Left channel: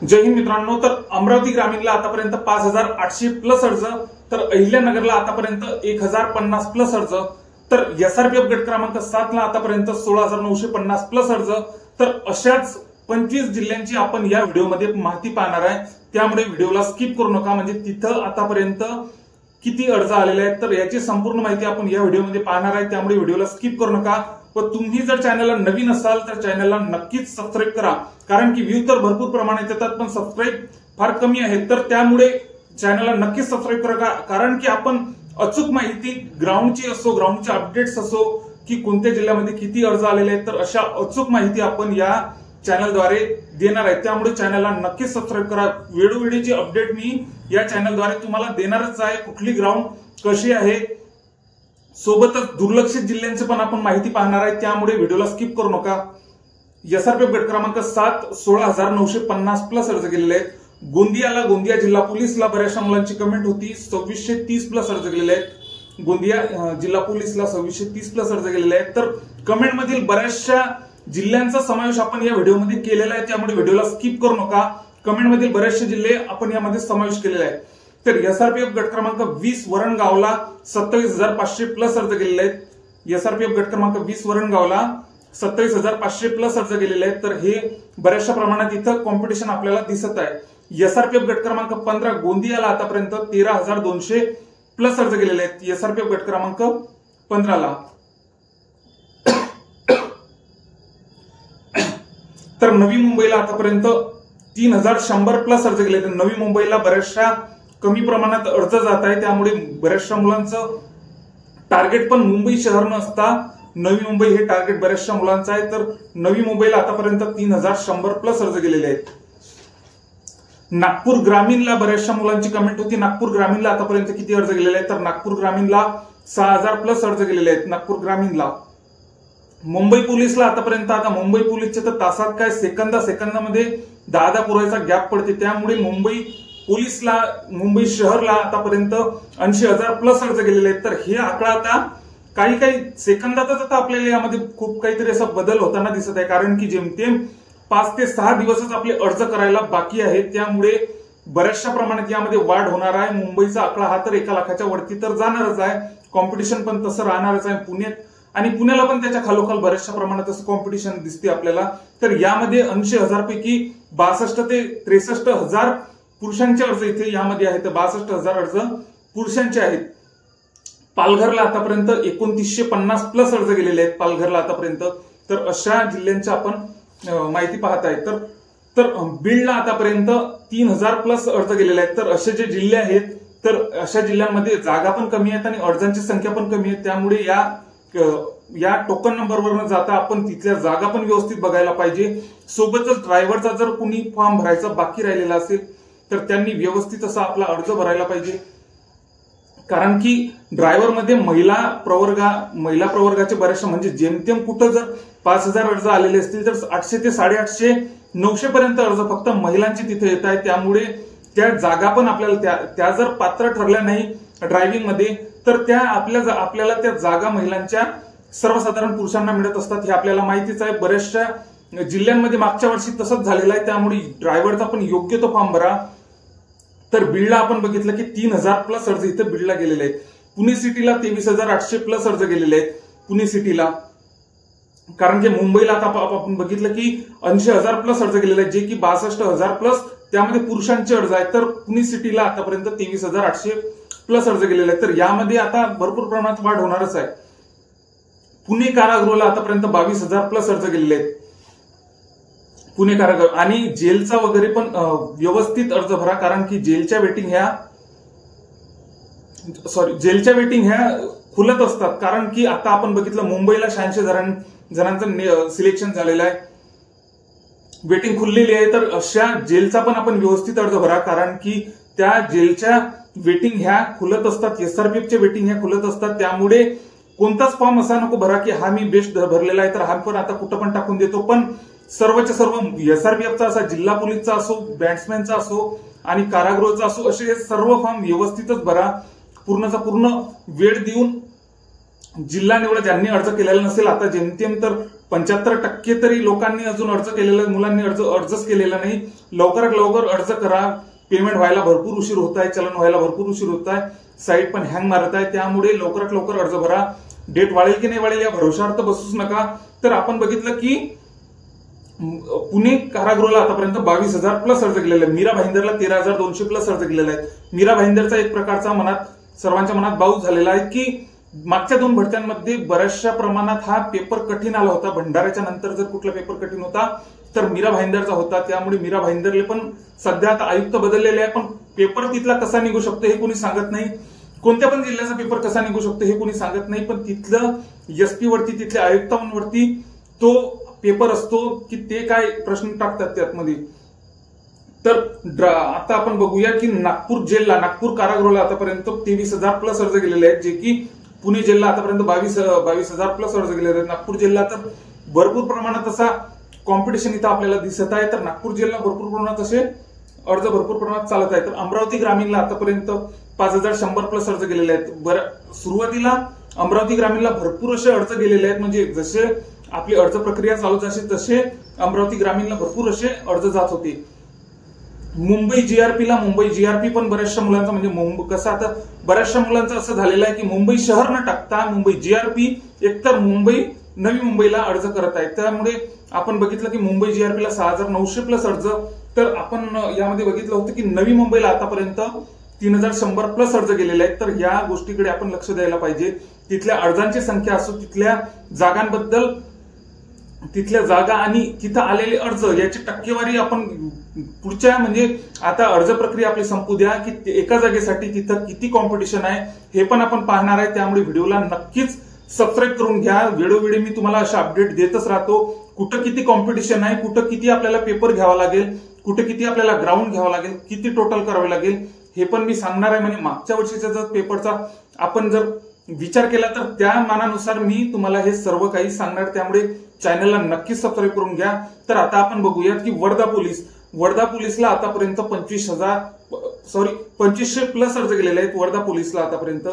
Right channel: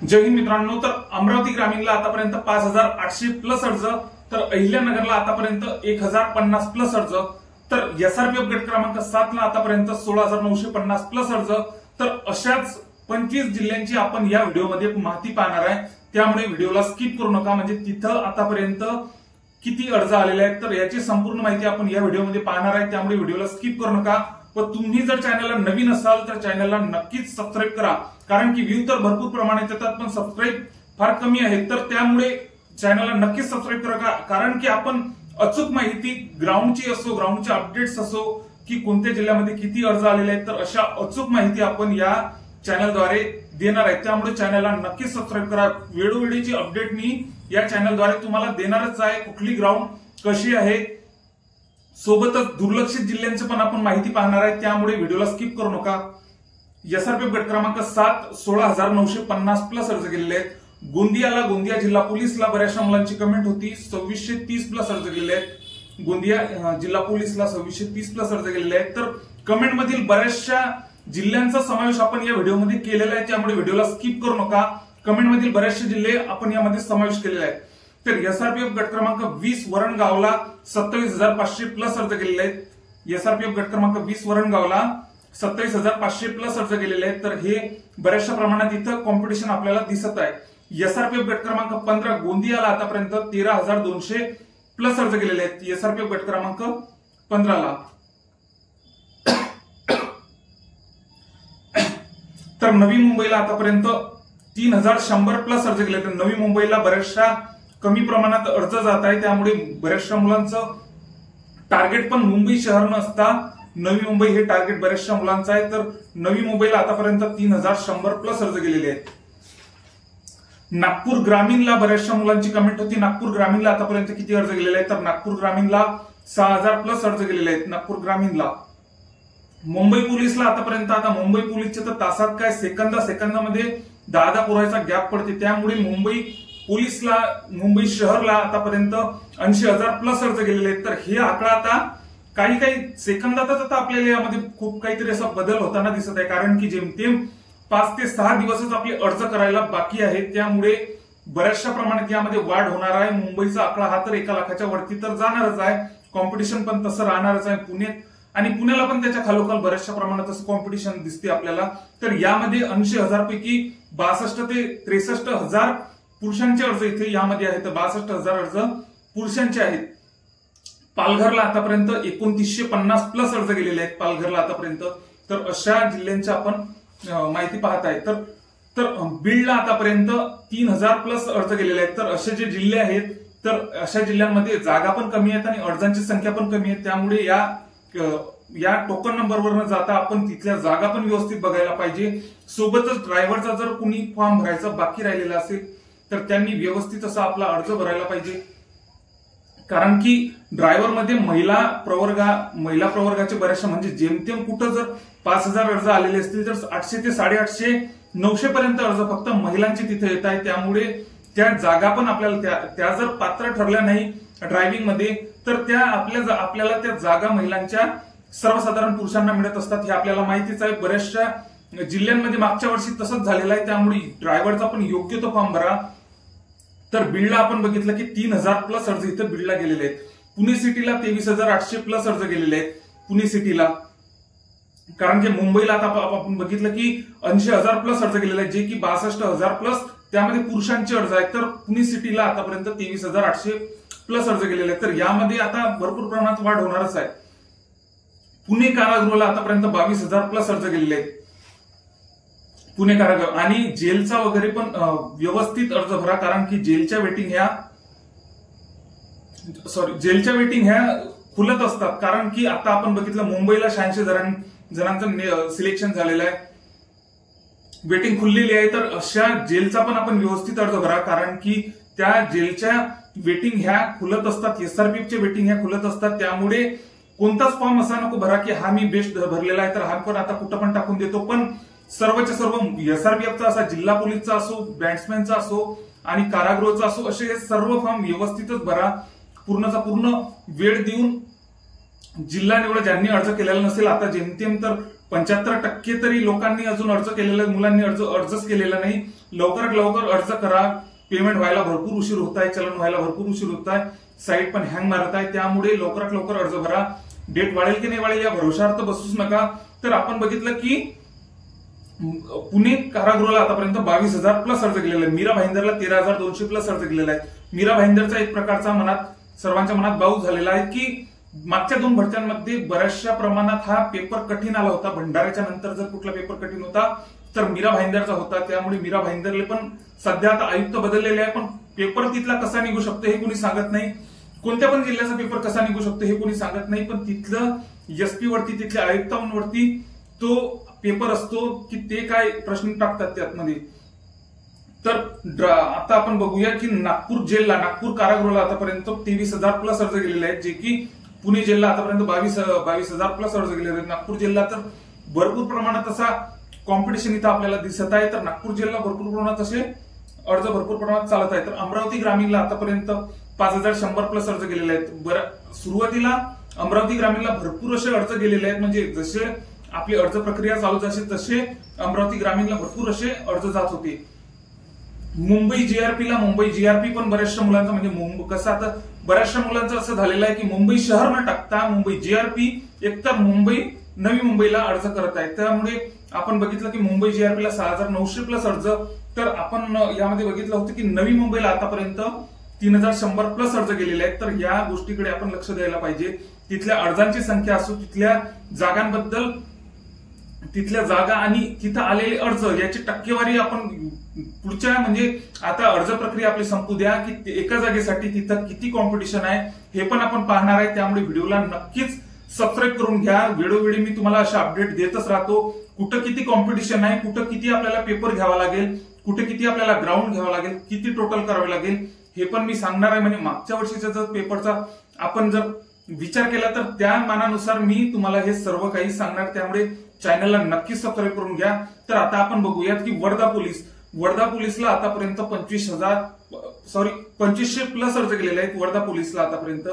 जय हिंद मित्रांनो। तर अमरावती ग्रामीणला आतापर्यंत 5800 प्लस अर्ज, तर अहिल्यानगरला आतापर्यंत 1050 प्लस अर्ज, तर एसआरपीएफ गट क्रमांक 7 ला आतापर्यंत 16950 प्लस अर्ज। तर अशाच 25 जिल्ह्यांची आपण या व्हिडिओमध्ये माहिती पाहणार आहे, त्यामुळे व्हिडिओला स्किप करू नका। म्हणजे तिथं आतापर्यंत किती अर्ज आलेले आहेत तर याची संपूर्ण माहिती आपण या व्हिडिओमध्ये पाहणार आहे, त्यामुळे व्हिडिओला स्किप करू नका। व तुम्ही जर चॅनलला नवीन असाल तर चॅनलला नक्कीच सबस्क्राईब करा, कारण की व्ह्यू तर भरपूर प्रमाणात येतात पण सबस्क्राईब फार कमी आहेत, तर त्यामुळे चॅनलला नक्कीच सबस्क्राईब करा। कारण की आपण अचूक माहिती ग्राउंडची असो, ग्राउंडचे अपडेट्स असो की कोणत्या जिल्ह्यामध्ये किती अर्ज आलेले आहेत, तर अशा अचूक माहिती आपण या चॅनलद्वारे देणार आहे, त्यामुळे चॅनलला नक्कीच सबस्क्राईब करा। वेळोवेळीची अपडेट मी या चॅनलद्वारे तुम्हाला देणारच आहे, कुठली ग्राउंड कशी आहे, सोबतच दुर्लक्षित जिल्ह्यांची पण आपण माहिती पाहणार आहे, त्यामुळे व्हिडिओला स्किप करू नका। एसआरपीएफ गट क्रमांक 7 16950 प्लस अर्ज गेलेले आहेत। गोंदिया जिल्हा पोलीसला बऱ्याचशा मुलांची कमेंट होती, 2630 प्लस अर्ज गेलेले आहेत। गोंदिया जिल्हा पोलीसला 2630 प्लस अर्ज गेलेले आहेत। तर कमेंट मधील बऱ्याचशा जिल्ह्यांचा समावेश आपण या व्हिडिओमध्ये केलेला आहे, त्यामुळे व्हिडिओला स्किप करू नका। कमेंट मधील बरेचसे जिल्हे आपण यामध्ये समावेश केलेले आहे। तर एसआरपीएफ गट क्रमांक 20 वरणगावला 27500 प्लस अर्ज गेलेले आहेत। एसआरपीएफ गट क्रमांक 20 वरणगावला 27500 प्लस अर्ज गेलेले आहेत, तर हे बऱ्याचशा प्रमाणात इथं कॉम्पिटिशन आपल्याला दिसत आहे। एसआरपीएफ गट क्रमांक 15 गोंदियाला आतापर्यंत 13200 प्लस अर्ज गेलेले आहेत। एसआरपीएफ गट क्रमांक 15 ला तर नवी मुंबईला आतापर्यंत 3100 प्लस अर्ज गेले, तर नवी मुंबईला बऱ्याचशा कमी प्रमाणात अर्ज जात आहे, त्यामुळे बऱ्याचशा मुलांचं टार्गेट पण मुंबई शहर नसता नवी मुंबई हे टार्गेट बऱ्याचशा मुलांचं आहे। तर नवी मुंबईला आतापर्यंत 3100 प्लस अर्ज गेलेले आहेत। नागपूर ग्रामीणला बऱ्याचशा मुलांची कमेंट होती, नागपूर ग्रामीणला आतापर्यंत किती अर्ज गेलेले आहेत, तर नागपूर ग्रामीणला 6000 प्लस अर्ज गेलेले आहेत नागपूर ग्रामीणला। मुंबई पोलीसला आतापर्यंत, आता मुंबई पोलीसचे तर तासात काय सेकंदामध्ये 10 पुरायचा गॅप पडते, त्यामुळे मुंबई पोलीसला, मुंबई शहरला आतापर्यंत 80000 प्लस अर्ज गेलेले आहेत। तर हे आकडा आता काही सेकंदातच आता आपल्याला यामध्ये खूप काहीतरी असा बदल होताना दिसत आहे, कारण की जेमतेम 5 ते 6 दिवसच आपले अर्ज करायला बाकी आहेत, त्यामुळे बऱ्याचशा प्रमाणात यामध्ये वाढ होणार आहे। मुंबईचा आकडा हा तर 1 लाखाच्या वरती तर जाणारच आहे, कॉम्पिटिशन पण तसं राहणारच आहे। पुण्याला पण त्याच्या खालोखाल बऱ्याचशा प्रमाणात असं कॉम्पिटिशन दिसते आपल्याला। तर यामध्ये 80000 पैकी 62 ते 63000 पुरुषांचे अर्ज इथे यामध्ये आहेत, 62000 अर्ज पुरुषांचे आहेत। पालघरला आतापर्यंत 2950 प्लस अर्ज गेलेले आहेत पालघरला आतापर्यंत, तर अशा जिल्ह्यांची आपण माहिती पाहत आहे। तर बीडला आतापर्यंत 3000 प्लस अर्ज गेलेले आहेत। तर असे जे जिल्हे आहेत, तर अशा जिल्ह्यांमध्ये जागा पण कमी आहेत आणि अर्जांची संख्या पण कमी आहे, त्यामुळे या टोकन नंबरवर न जाता आपण तिथल्या जागा पण व्यवस्थित बघायला पाहिजे। सोबतच ड्रायव्हरचा जर कुणी फॉर्म भरायचा बाकी राहिलेला असेल तर त्यांनी व्यवस्थित असा आपला अर्ज भरायला पाहिजे, कारण की ड्रायव्हर मध्ये महिला प्रवर्गाचे बऱ्याचशा, म्हणजे जेमतेम कुठं जर 5000 अर्ज आलेले असतील तर 800 ते 850 900 पर्यंत अर्ज फक्त महिलांचे तिथे येत आहे, त्यामुळे त्या जागा पण आपल्याला त्या जर पात्र ठरल्या नाही ड्रायव्हिंग मध्ये तर त्या आपल्याला त्या जागा महिलांच्या सर्वसाधारण पुरुषांना मिळत असतात, हे आपल्याला माहितीच आहे। बऱ्याचशा जिल्ह्यांमध्ये मागच्या वर्षी तसंच झालेलं आहे, त्यामुळे ड्रायव्हरचा पण योग्य तो फॉर्म भरा। तर बीडला आपण बघितलं की 3000 प्लस अर्ज इथं बीडला गेलेले आहेत। पुणे सिटीला 23800 प्लस अर्ज गेलेले आहेत पुणे सिटीला, कारण की मुंबईला आता आपण बघितलं की 80000 प्लस अर्ज गेलेले आहेत, जे की 62000 प्लस त्यामध्ये पुरुषांचे अर्ज आहेत। तर पुणे सिटीला आतापर्यंत 23800 प्लस अर्ज गेलेले आहेत, तर यामध्ये आता भरपूर प्रमाणात वाढ होणारच आहे। पुणे कारागृहाला आतापर्यंत 22000 प्लस अर्ज गेलेले आहेत पुणे कारागृह, आणि जेलचा वगैरे पण व्यवस्थित अर्ज भरा, कारण की जेलच्या वेटिंग ह्या खुलत असतात, कारण की आता आपण बघितलं मुंबईला 86 जणांचं सिलेक्शन झालेलं आहे, वेटिंग खुललेली आहे। तर अशा जेलचा पण आपण व्यवस्थित अर्ज भरा, कारण की त्या जेलच्या वेटिंग ह्या खुलत असतात, एसआरपीएफचे वेटिंग ह्या खुलत असतात, त्यामुळे कोणताच फॉर्म असा नको भरा की हा मी बेस्ट भरलेला आहे तर हा पण आता कुठं पण टाकून देतो, पण सर्वच्या सर्व एसआरपीएफचा असा, जिल्हा पोलीसचा असो, बॅट्समॅनचा असो आणि कारागृहाचा असो, असे हे सर्व फॉर्म व्यवस्थितच भरा। पूर्णचा पूर्ण वेळ देऊन जिल्हा निवड ज्यांनी अर्ज केलेला नसेल, आता जेमतेम तर 75% तरी लोकांनी अजून अर्ज केलेला, मुलांनी अर्जच केलेला नाही. लवकरात लवकर अर्ज करा. पेमेंट व्हायला भरपूर उशीर होत आहे, चलन व्हायला भरपूर उशीर होत आहे, साईट पण हँग मारत आहे. त्यामुळे लवकरात लवकर अर्ज भरा. डेट वाढेल की नाही वाढेल या भरोशावर तर बसूच नका. तर आपण बघितलं की पुणे कारागृहाला आतापर्यंत 22,000 प्लस अर्ज केलेले आहेत. मीरा भाईंदरला 13,200 प्लस अर्ज केलेले आहेत. मीरा भाईंदरचा एक प्रकारचा सर्वांच्या मनात बाऊस झालेला आहे की मागच्या 2 भरत्यांमध्ये बऱ्याचशा प्रमाणात हा पेपर कठीण आला होता. भंडाऱ्याच्या नंतर जर कुठला पेपर कठीण होता तर मीरा भाईंदरचा होता. त्यामुळे मीरा भाईंदरले पण सध्या आता आयुक्त बदललेले आहे, पण पेपर तिथला कसा निघू शकतो हे कोणी सांगत नाही. कोणत्या पण जिल्ह्याचा पेपर कसा निघू शकतो हे कोणी सांगत नाही. पण तिथलं एसपी वरती, तिथल्या आयुक्तांवरती तो पेपर असतो की ते काय प्रश्न टाकतात त्यामध्ये. तर आता आपण बघूया की नागपूर कारागृहाला आतापर्यंत 23,000 प्लस अर्ज गेलेले आहेत, जे की पुणे जिल्हा आतापर्यंत 22,000 प्लस अर्ज गेलेले आहेत. नागपूर जिल्हा तर भरपूर प्रमाणात असा कॉम्पिटिशन इथं आपल्याला दिसत आहे. तर नागपूर जिल्हा भरपूर प्रमाणात असे अर्ज भरपूर प्रमाणात चालत आहे. तर अमरावती ग्रामीणला आतापर्यंत 5,100 प्लस अर्ज गेलेले आहेत. सुरुवातीला अमरावती ग्रामीणला भरपूर असे अर्ज गेलेले आहेत, म्हणजे जसे आपली अर्ज प्रक्रिया चालू झाली तसे अमरावती ग्रामीणला भरपूर असे अर्ज जात होते. मुंबई जीआरपी पण बऱ्याचशा मुलांचं, म्हणजे कसं आता बऱ्याचशा मुलांचं असं झालेलं आहे की मुंबई शहर न टाकता मुंबई जीआरपी एकतर नवी मुंबईला अर्ज करत आहेत. त्यामुळे आपण बघितलं की मुंबई जीआरपीला 6,900 प्लस अर्ज. तर आपण यामध्ये बघितलं होतं की नवी मुंबईला आतापर्यंत 3,100 प्लस अर्ज गेलेले आहेत. तर या गोष्टीकडे आपण लक्ष द्यायला पाहिजे. तिथल्या अर्जांची संख्या असो, तिथल्या जागांबद्दल, तिथल्या जागा आणि तिथं आलेले अर्ज याची टक्केवारी आपण पुढच्या, म्हणजे आता अर्ज प्रक्रिया आपली संपू द्या की एका जागेसाठी तिथं किती कॉम्पिटिशन आहे हे पण आपण पाहणार आहे. त्यामुळे व्हिडिओला नक्कीच सबस्क्राईब करून घ्या. वेळोवेळी मी तुम्हाला अशा अपडेट देतच राहतो. कुठं किती कॉम्पिटिशन आहे, कुठं किती आपल्याला पेपर घ्यावा लागेल, कुठे किती आपल्याला ग्राउंड घ्यावा लागेल, किती टोटल करावे लागेल हे पण मी सांगणार आहे. म्हणजे मागच्या वर्षीच्या जर पेपरचा आपण जर विचार केला तर त्या मानानुसार मी तुम्हाला हे सर्व काही सांगणार. त्यामुळे चॅनलला नक्कीच सबस्क्राईब करून घ्या. तर आता आपण बघूयात की वर्धा पोलीसला आतापर्यंत 2500 प्लस अर्ज गेलेले आहेत वर्धा पोलीसला आतापर्यंत.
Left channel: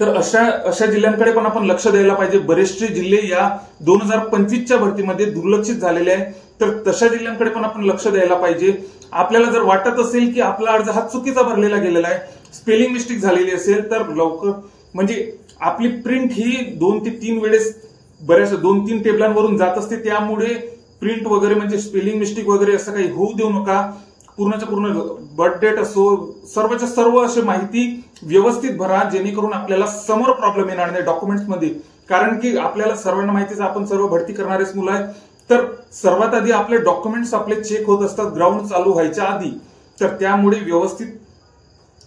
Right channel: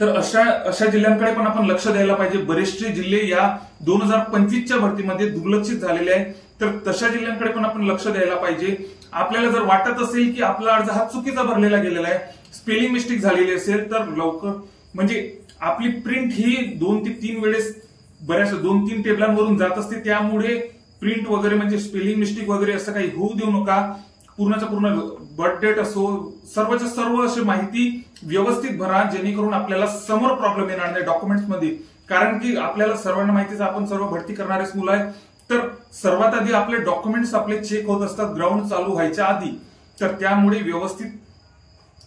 तर अशा जिल्ह्यांकडे पण आपण लक्ष द्यायला पाहिजे. बरेचसे जिल्हे या 2025च्या भरतीमध्ये दुर्लक्षित झालेले आहेत. तर तशा जिल्ह्यांकडे पण आपण लक्ष द्यायला पाहिजे. आपल्याला जर वाटत असेल की आपला अर्ज हा चुकीचा भरलेला गेलेला आहे, स्पेलिंग मिस्टेक झालेली असेल, तर लवकर, म्हणजे आपली प्रिंट ही 2 ते 3 वेळेस बऱ्याच 2-3 टेबलांवरून जात असते. त्यामुळे प्रिंट वगैरे म्हणजे स्पेलिंग मिस्टेक वगैरे असं काही होऊ देऊ नका. पूर्णच्या पूर्ण बर्थ डेट असो, सर्वच्या सर्व अशी माहिती व्यवस्थित भरा, जेणेकरून आपल्याला समोर प्रॉब्लेम येणार नाही डॉक्युमेंट्समध्ये. कारण की आपल्याला सर्वांना माहितीच, आपण सर्व भरती करणारेच मुलं आहेत. तर सर्वात आधी आपले डॉक्युमेंट्स आपले चेक होत असतात ग्राउंड चालू व्हायच्या आधी. तर त्यामुळे व्यवस्थित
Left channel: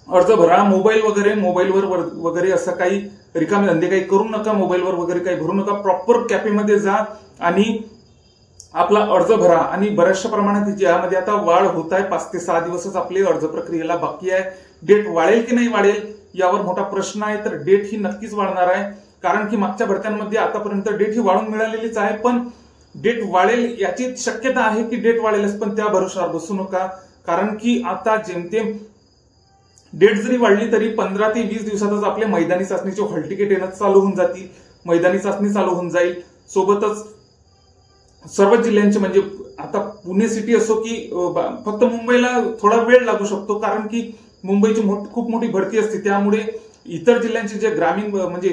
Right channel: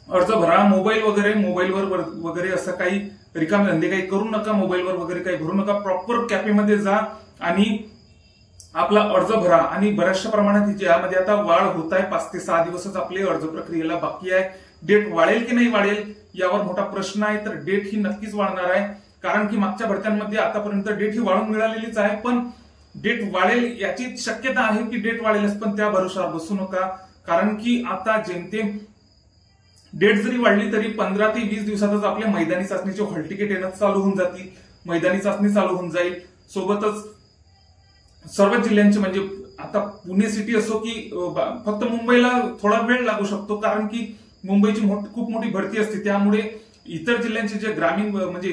अर्ज भरा. मोबाईलवर वगैरे असं काही रिकामे धंदे काही करू नका. मोबाईलवर वगैरे काही भरू नका. प्रॉपर कॅफेमध्ये जा आणि आपला अर्ज भरा. आणि बऱ्याचशा प्रमाणात यामध्ये आता वाढ होत आहे. 5 ते 6 दिवसच आपले अर्ज प्रक्रियेला बाकी आहे. डेट वाढेल की नाही वाढेल यावर मोठा प्रश्न आहे. तर डेट ही नक्कीच वाढणार आहे, कारण की मागच्या भरत्यांमध्ये आतापर्यंत डेट ही वाढून मिळालेलीच आहे. पण डेट वाढेल याची शक्यता आहे की डेट वाढेलच, पण त्या भरोशावर बसू नका. कारण की आता जेमतेम डेट जरी वाढली तरी 15 ते 20 दिवसातच आपले मैदानी चाचणीचे हॉल तिकीट येणं चालू होऊन जातील. मैदानी चाचणी चालू होऊन जाईल. सोबतच सर्व जिल्ह्यांचे, म्हणजे आता पुणे सिटी असो की फक्त मुंबईला थोडा वेळ लागू शकतो, कारण की मुंबईची खूप मोठी भरती असते. त्यामुळे इतर जिल्ह्यांचे जे ग्रामीण, म्हणजे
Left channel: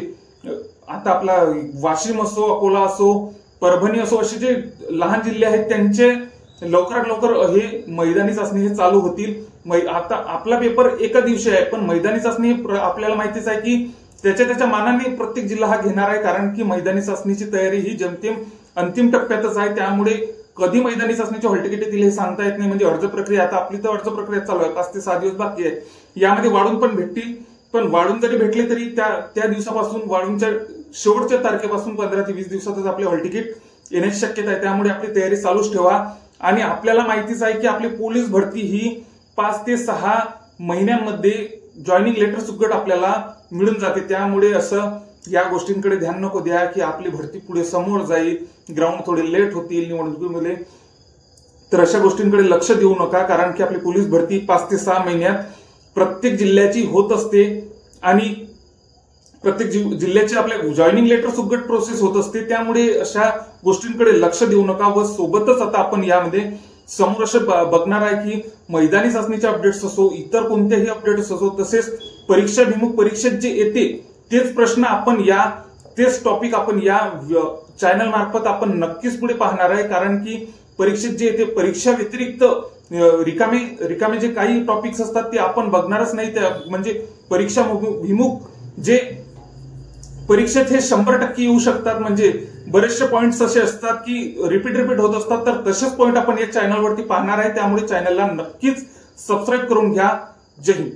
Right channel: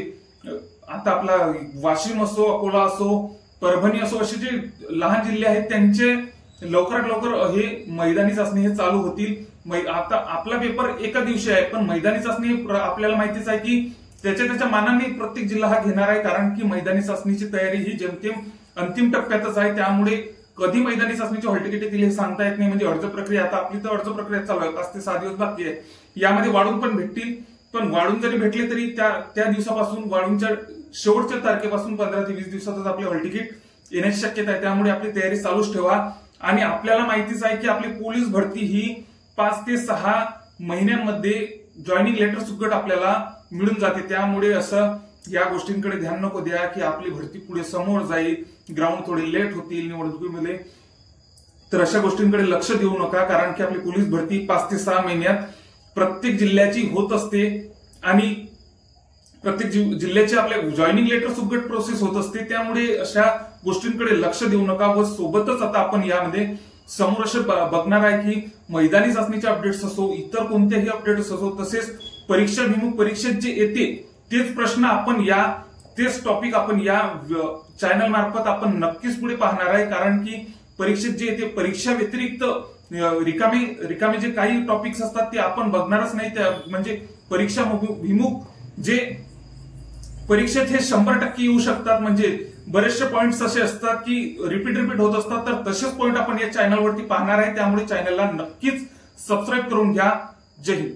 आता आपला वाशिम असो, अकोला असो, परभणी असो, असे जे लहान जिल्हे आहेत त्यांचे लवकरात लवकर हे मैदानी चाचणी हे चालू होतील. आता आपला पेपर एका दिवशी आहे, पण मैदानी चाचणी आपल्याला माहितीच आहे की त्याच्या मानाने प्रत्येक जिल्हा हा घेणार आहे. कारण की मैदानी चाचणीची तयारी ही जेमतेम अंतिम टप्प्यातच आहे. त्यामुळे कधी मैदानी चाचणीचे हॉल तिकीट येतील हे सांगता येत नाही. म्हणजे अर्ज प्रक्रिया, आता आपली तर अर्ज प्रक्रिया चालू आहे, 5 ते 6 दिवस बाकी आहे. यामध्ये वाढून पण भेटतील, पण वाढून जरी भेटले तरी त्या दिवसापासून, वाढूनच्या शेवटच्या तारखेपासून 15 ते 20 दिवसातच आपले हॉल तिकीट येण्याची शक्यता आहे. त्यामुळे आपली तयारी चालूच ठेवा. आणि आपल्याला माहितीच आहे की आपली पोलीस भरती ही 5 ते 6 महिन्यांमध्ये जॉईनिंग लेटर सुकट आपल्याला मिळून जाते. त्यामुळे असं या गोष्टींकडे ध्यान नको द्या की आपली भरती पुढे समोर जाईल, ग्राउंड थोडे लेट होतील निवडणुकीमध्ये. तर अशा गोष्टींकडे लक्ष देऊ नका, कारण की आपली पोलीस भरती 5 ते 6 महिन्यात प्रत्येक जिल्ह्याची होत असते. आणि प्रत्येक जिल्ह्याचे आपले जॉईनिंग लेटर सुगट प्रोसेस होत असते, त्यामुळे अशा गोष्टींकडे लक्ष देऊ नका. व सोबतच आता आपण यामध्ये समोर असे बघणार आहे की मैदानी चाचणीचे अपडेट्स असो, इतर कोणत्याही अपडेट्स असो, तसेच परीक्षाभिमुख परीक्षेत जे येते तेच प्रश्न आपण तेच टॉपिक आपण या चॅनल मार्फत आपण नक्कीच पुढे पाहणार आहे. कारण की परीक्षेत जे येते परीक्षा व्यतिरिक्त रिकामे जे काही टॉपिक्स असतात ते आपण बघणारच नाही. म्हणजे परीक्षाभिमुख जे परीक्षेत हे 100% येऊ शकतात. म्हणजे बरेचसे पॉइंट्स असे असतात की रिपीट होत असतात, तर तसेच पॉइंट आपण या चॅनलवरती पाहणार आहे. त्यामुळे चॅनलला नक्कीच सबस्क्राईब करून घ्या. जय हिंद.